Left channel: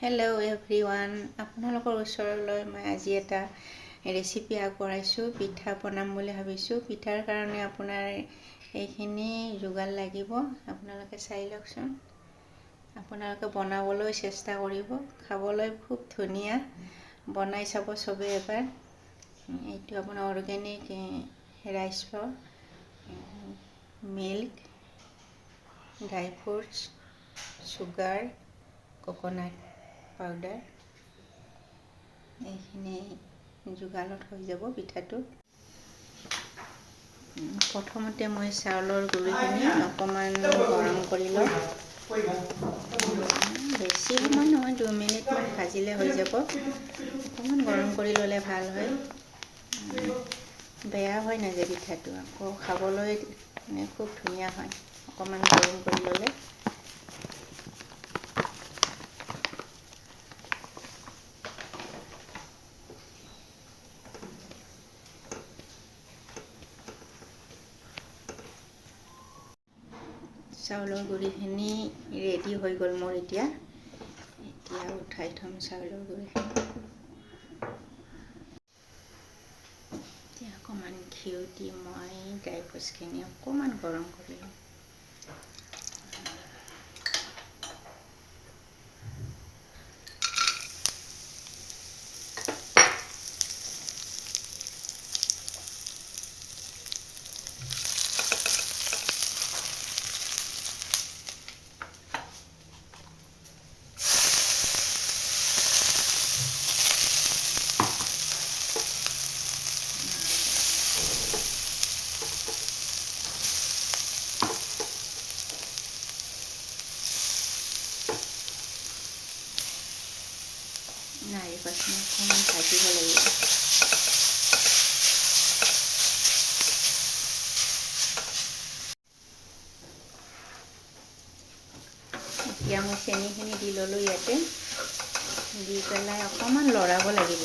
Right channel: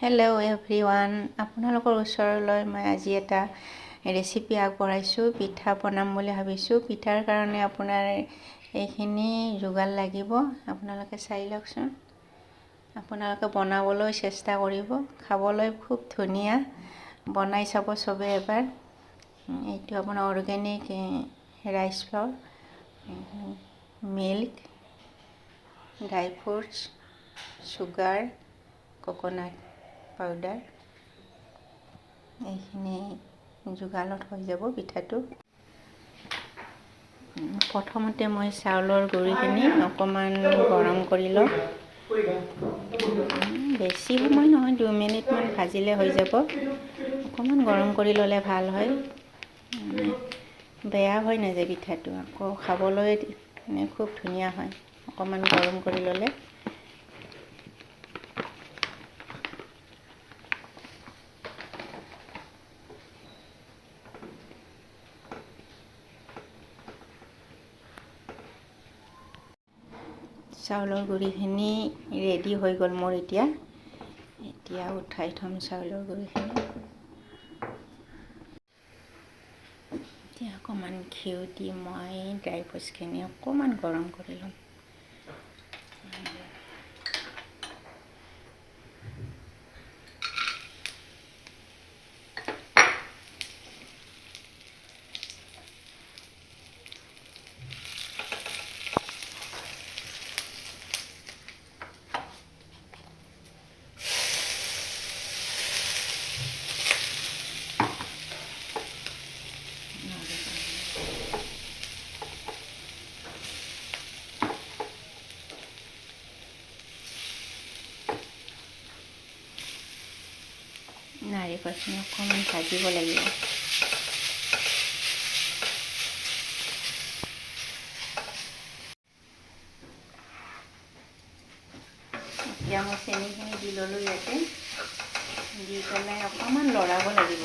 Hello' everyone, আপোনালোকৰ ওচৰলৈ মই আজি এটা ৰেচিপি আগবঢ়াইছোঁ। পিঠা বনাম বুলি ভাবিছোঁ। পিঠাৰ কাৰণে আপোনাৰ এইখিনি যোগাৰ লাগিব। আপোনালোকে চাই লওকচোন। আপোনালোকে বনাবলৈ চেষ্টা কৰিব। খাবলৈ খুব ধুনীয়া। বনাই চাব চবেই এবাৰ। এইটো আপোনাৰ organic rice floor, milk, dry fruits, sugar, coconut powder, এইখিনি যোগাৰত হৈ যাব পিঠাটো। প্ৰথমতে মই চাউলৰ গুড়িখিনি অকণমান গৰম কৰি লওঁ। বেছি সময় নহয়, 2 মিনিটমান ভাজিলে হৈ যাব। অকণমান গৰম কৰি ল'লে ভাল হয়। বেয়া হৈ নাযায় পিঠাটো, আকৌ খাবলৈ খুব ধুনীয়া হয় অকণমান গৰম কৰি ল'লে। চাউলৰ গুড়িখিনি ৰেডি হৈ গ'ল মোৰ এতিয়া উঠাই থ'ম চাউলৰ গুড়িখিনি। এতিয়া অকণমান ঘিউ দি মই ড্ৰাই ফ্ৰুটছখিনি অকণমান গৰম কৰি ল'ম। নাৰিকলখিনি অকণমান ভাজিব লাগিব। এতিয়া মই চেনিখিনি দি ল'লোঁ ইয়াতে। দি পেলাই অকণমান লৰাব লাগিব।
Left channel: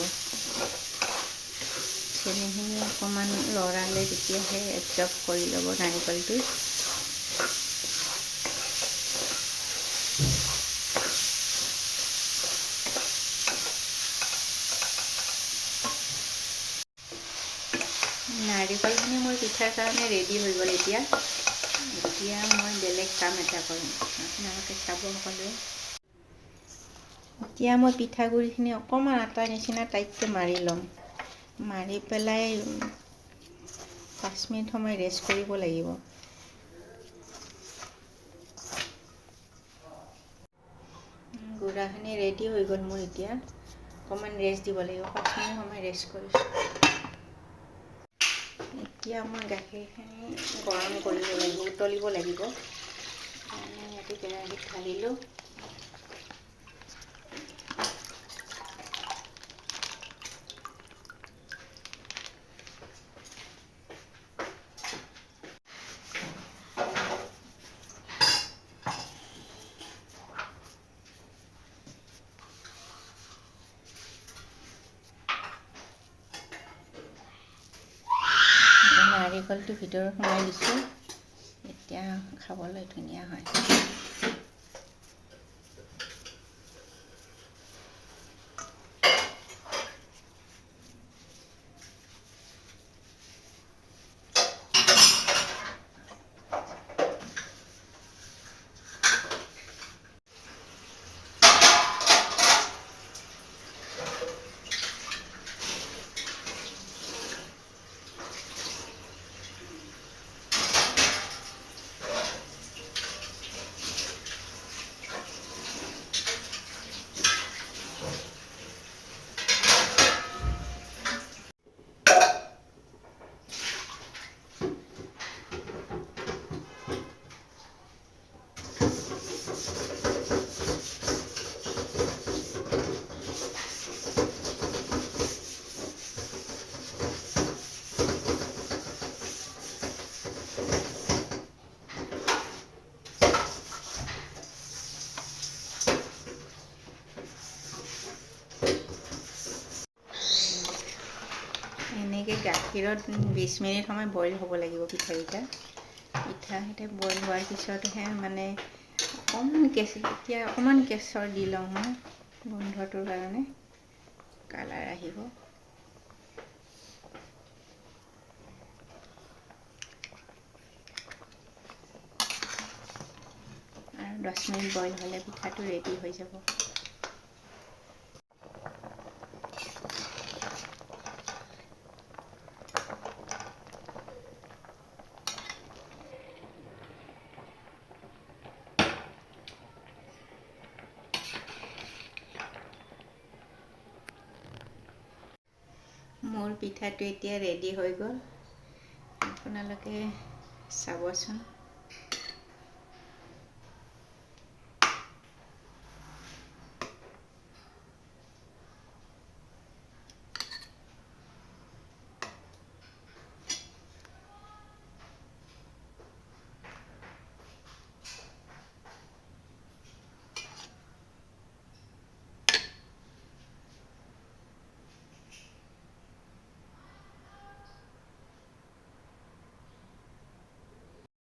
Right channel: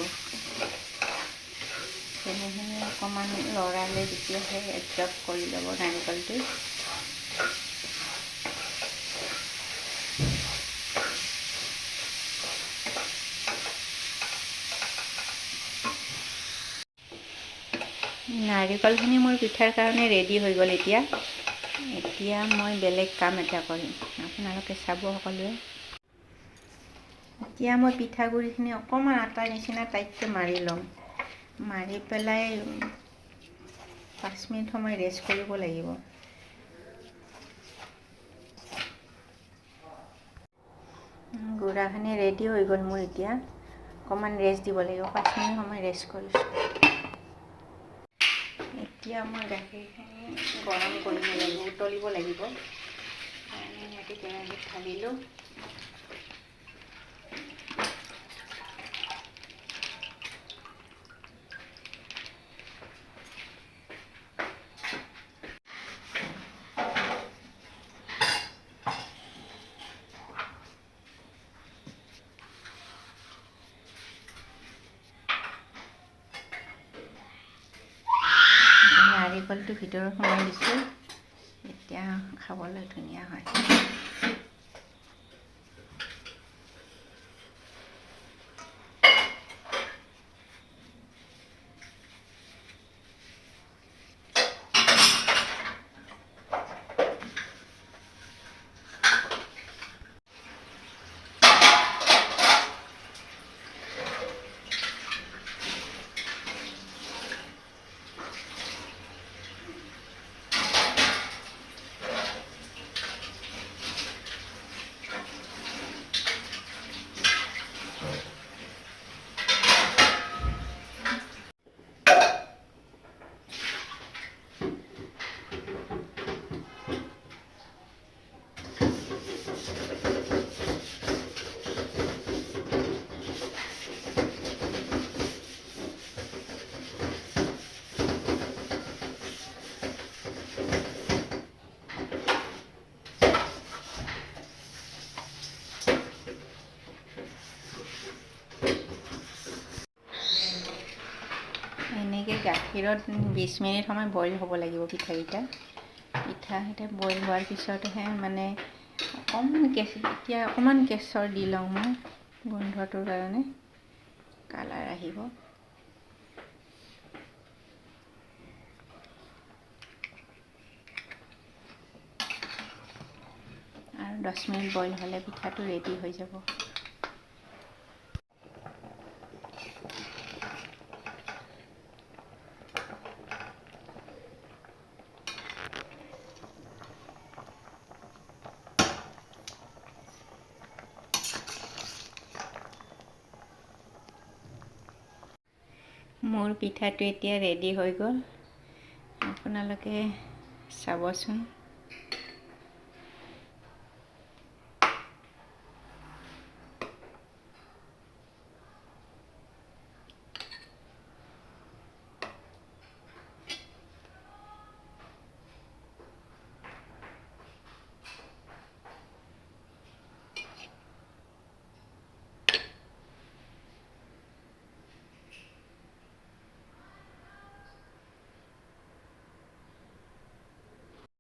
চেনিখিনি অকণমান লৰালে তেতিয়াহে এবজৰ্ব কৰি ল'ব নাৰিকলটো। নাৰিকলখিনি মোৰ পিঠাৰ কাৰণে ৰেডি হৈ গ'ল। এতিয়া মই বেলেগ কাম এটা কৰিম, আপোনালোকে চাব সকলোৱে। এতিয়া মই পিঠাগুড়িখিনি অকণমান আটাৰ নিচিনা টাইটকৈ মাৰি ল'ম। মাৰি পেলাই 5 মিনিট সময় ৰেষ্ট কৰিব লাগিব। গুড়াখিনি ৰেডি হৈ গ'ল মোৰ। এতিয়া অকণমান ৰেষ্ট দিব লাগিব। 5 মিনিট সময় ৰেষ্ট কৰিছোঁ। এতিয়া মই গাখীৰখিনি গৰম কৰিব লাগিব, উতলিব লাগিব। ইয়াতে কেৰাহীত ঢালিলোঁ। নাৰিকলটো ভিতৰত সোমাই দিছোঁ। এতিয়া খাবলৈ ধুনীয়া হয়। এনেকৈ গাখীৰত 20 মিনিট সময় বইল হ'ব লাগিব পিঠাকেইটা বইল হোৱাৰ পিছতহে মানে অকণমান কেঁচৰ দি লওঁ মই। গোন্ধটোৰ কাৰণে কালাৰ আহিব। আৰু 10 মিনিট বইল হ'লে পিঠাটো ৰেডি হৈ যাব। মোৰ পিঠাটো এতিয়া ৰেডি হৈ গ'ল। আপোনালোকে চাবচোন।